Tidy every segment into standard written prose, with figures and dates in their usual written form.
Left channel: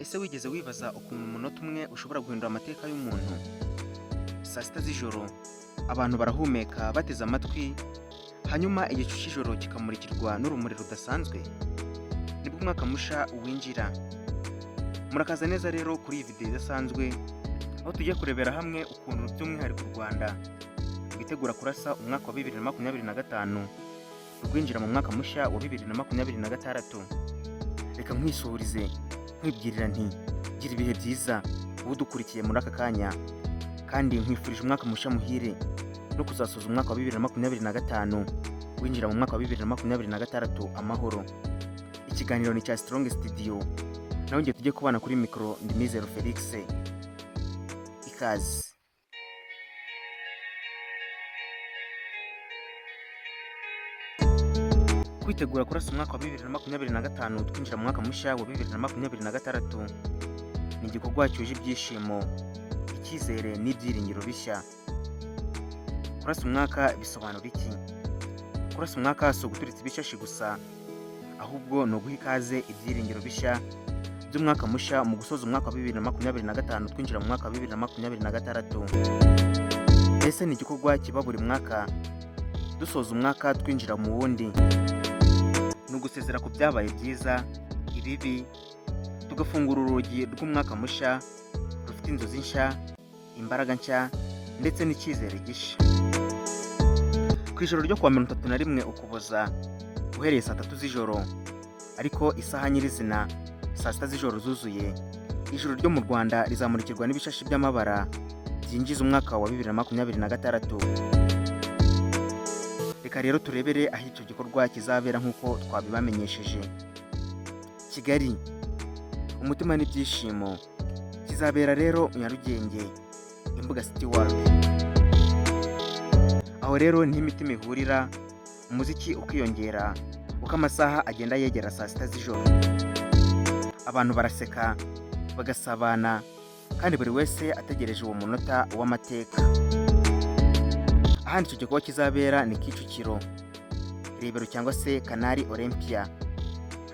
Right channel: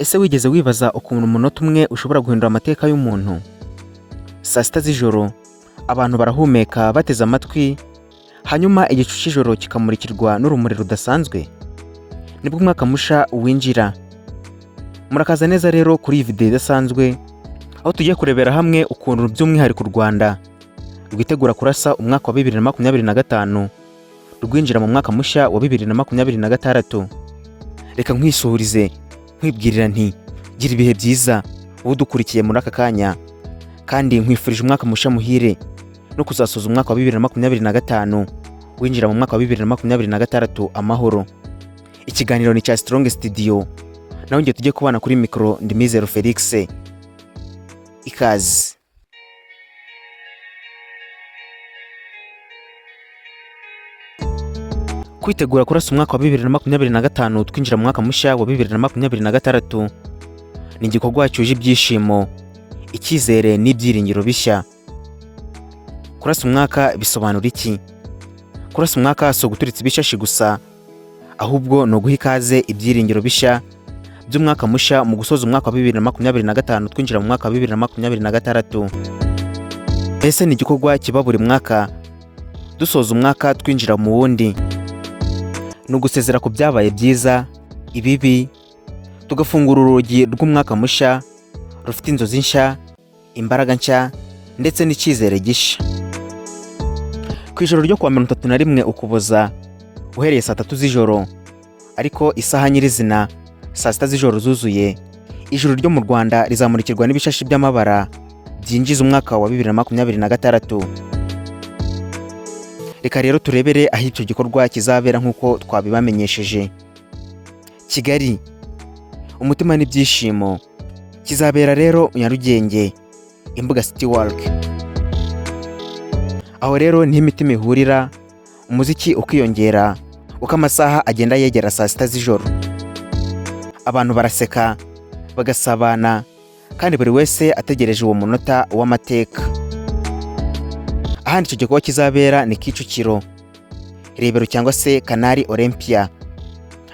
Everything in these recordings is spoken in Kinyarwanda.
Ese wigeze wibaza ukuntu umunota umwe ushobora guhindura amateka y'umuntu? Saa sita z'ijoro abantu barahumeka bateze amatwi, hanyuma igicu cy'ijoro kikamurikirwa n'urumuri rudasanzwe. Nibwo umwaka musha winjira. Murakaza neza rero kuri iyi video idasanzwe, aho tugiye kurebera hamwe ukuntu by'umwihariko u Rwanda rwitegura kurasa umwaka wa 2025 rwinjira mu mwaka mushya wa 2026. Reka nkwisurize nkwibwirira nti gira ibihe byiza wowe dukurikiye muri aka kanya, kandi nkwifurije umwaka mushya muhire no kuzasoza umwaka wa 2025 winjira mu mwaka wa 2026 amahoro. Ikiganiro ni cya Strong Studio, naho ngiye tujye kubana kuri mikro ndi Mizero Felix. Ikaze. Kwitegura kurasa umwaka wa 2025 twinjira mu mwaka mushya wa 2026 ni igikorwa cyuje ibyishimo, icyizere n'ibyiringiro bishya. Kurasa umwaka bisobanura iki? Kurasa umwaka so guturitsa ibishashi gusa, ahubwo no guha ikaze ibyiringiro bishya by'umwaka mushya mu gusoza umwaka wa 2025 twinjira mu mwaka wa 2026. Ese ni igikorwa kiba buri mwaka dusoza umwaka twinjira mu wundi, no gusezera ku byabaye byiza, ibibi, tugafungura urugi rw'umwaka mushya rufite inzozi nshya, imbaraga nshya ndetse n'icyizere gishya. Ku ijoro ryo kuwa 31 Ukuboza uhereye saa 3 z'ijoro, ariko isaha nyirizina saa 6 z'ijoro zuzuye, ijoro ryo mu Rwanda rizamurikirwa n'ibishashi by'amabara byinjiza umwaka wa 2026. Reka rero turebere aho icyo gikorwa kizabera nk'uko twabibamenyesheje. Kigali, umutima n'ibyishimo, kizabera rero Nyarugenge, Imbuga City Walk. Aho rero ni imitima ihurira, umuziki ukiyongera uko amasaha agenda yegera saa 6 z'ijoro. Abantu baraseka, bagasabana, kandi buri wese ategereje uwo munota w'amateka. Ahandi icyo gikorwa kizabera ni Kicukiro, Rebero cyangwa se Canal Olympia.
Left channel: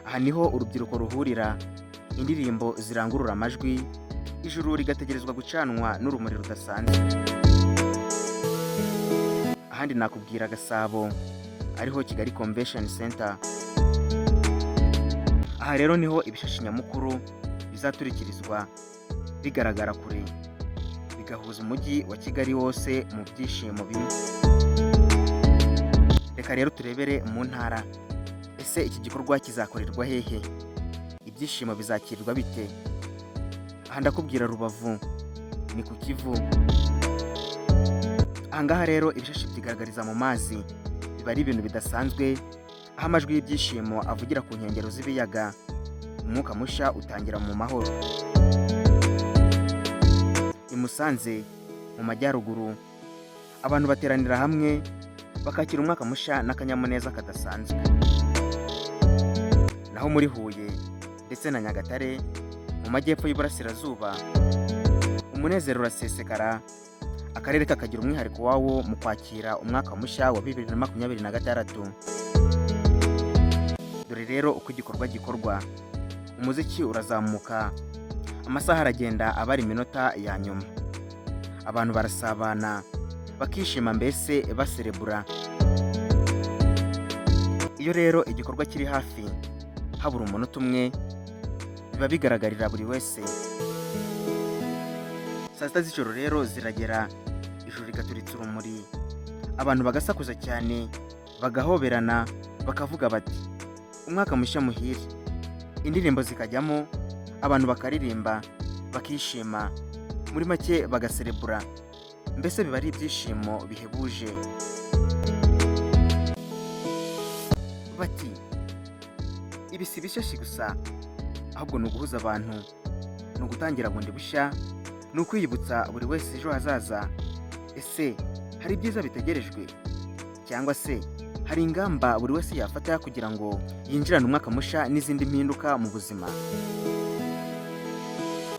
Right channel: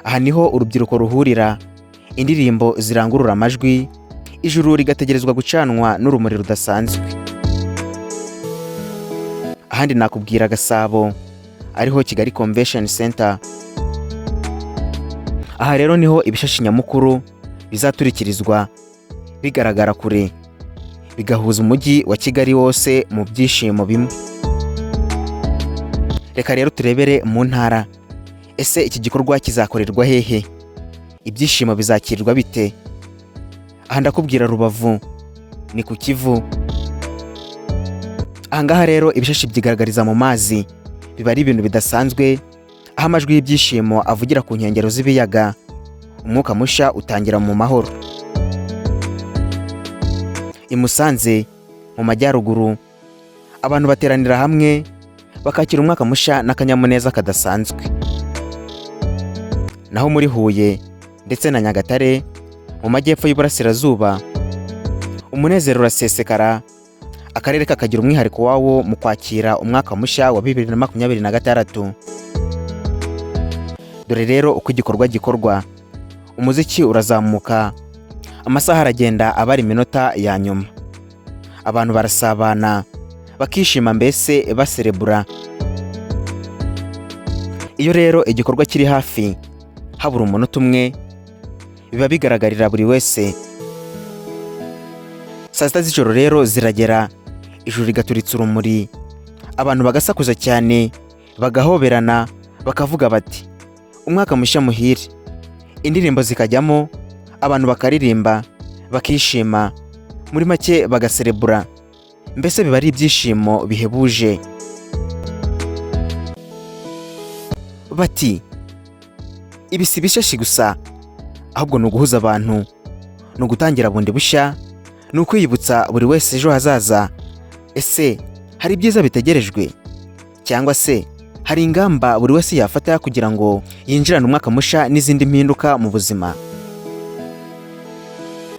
Aha niho urubyiruko ruhurira, indirimbo zirangurura amajwi, ijuru rigategerezwa gucanwa n'urumuri rudasanzwe. Ahandi nakubwira Gasabo, ariho Kigali Convention Center. Aha rero niho ibishashi nyamukuru bizaturikirizwa bigaragara kure, bigahuza umujyi wa Kigali wose mu byishimo bimwe. Reka rero turebere mu ntara. Ese iki gikorwa kizakorerwa hehe? Ibyishimo bizakirirwa bite? Aha ndakubwira Rubavu, ni ku Kivu. Ahangaha rero ibishashi byigaragariza mu mazi, biba ari ibintu bidasanzwe, aho amajwi y'ibyishimo avugira ku nkengero z'ibiyaga. Umwuka mushya utangira mu mahoro. I Musanze mu majyaruguru, abantu bateranira hamwe bakakira umwaka mushya n'akanyamuneza kadasanzwe. Naho muri Huye ndetse na Nyagatare mu majyepfo y'Iburasirazuba, umunezero urasesekara, akarere kakagira umwihariko wawo mu kwakira umwaka mushya wa 2026. Dore rero uko igikorwa gikorwa. Umuziki urazamuka, amasaha aragenda abari iminota ya nyuma. Abantu barasabana, bakishima, mbese baserebura. Iyo rero igikorwa kiri hafi, habura umunota umwe, biba bigaragarira buri wese. Saa 6 z'ijoro rero ziragera, ijuru rigaturitsa urumuri, abantu bagasakuza cyane, bagahoberana, bakavuga bati umwaka mushya muhire. Indirimbo zikajyamo, abantu bakaririmba, bakishima, muri make bagaserebura, mbese biba ari ibyishimo bihebuje. Bati ibi si ibishashi gusa, ahubwo ni uguhuza abantu, ni ugutangira bundi bushya, ni ukwiyibutsa buri wese ejo hazaza. Ese hari ibyiza bitegerejwe, cyangwa se hari ingamba buri wese yafata kugira ngo yinjirane umwaka mushya n'izindi mpinduka mu buzima?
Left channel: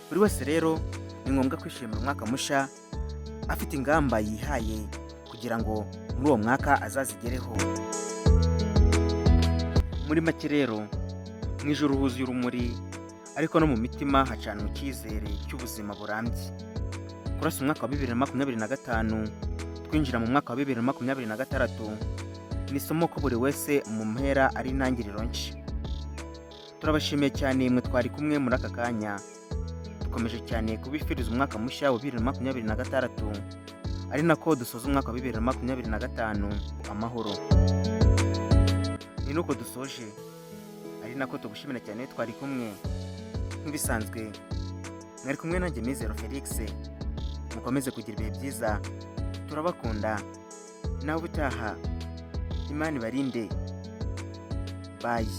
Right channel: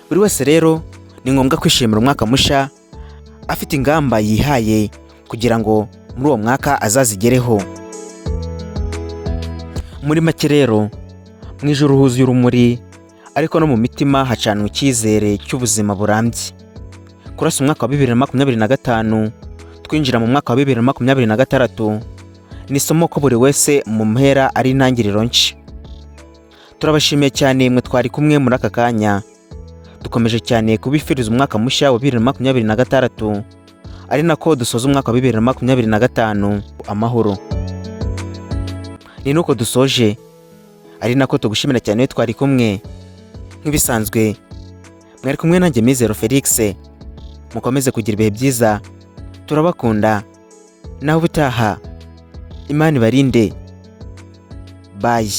Buri wese rero ni ngombwa kwishimira umwaka mushya, afite ingamba yihaye kugira ngo muri uwo mwaka azazigereho. Muri make rero, mu ijoro huzuye urumuri, ariko no mu mitima hacanwa icyizere cy'ubuzima burambye. Kurasa umwaka wa 2025 twinjira mu mwaka wa 2026 ni isomo ko buri wese mu mpera ari intangiriro nshya. Turabashimiye cyane mwe twari kumwe muri aka kanya. Dukomeje cyane kubifuriza umwaka mushya wa 2026 ari nako dusoza umwaka wa 2025 amahoro. Ni nuko dusoje ari nako tugushimira cyane twari kumwe. Nk'ibisanzwe mwari kumwe nanjye Mizero Felix. Mukomeze kugira ibihe byiza, turabakunda, naho ubutaha Imana ibarinde. Bye.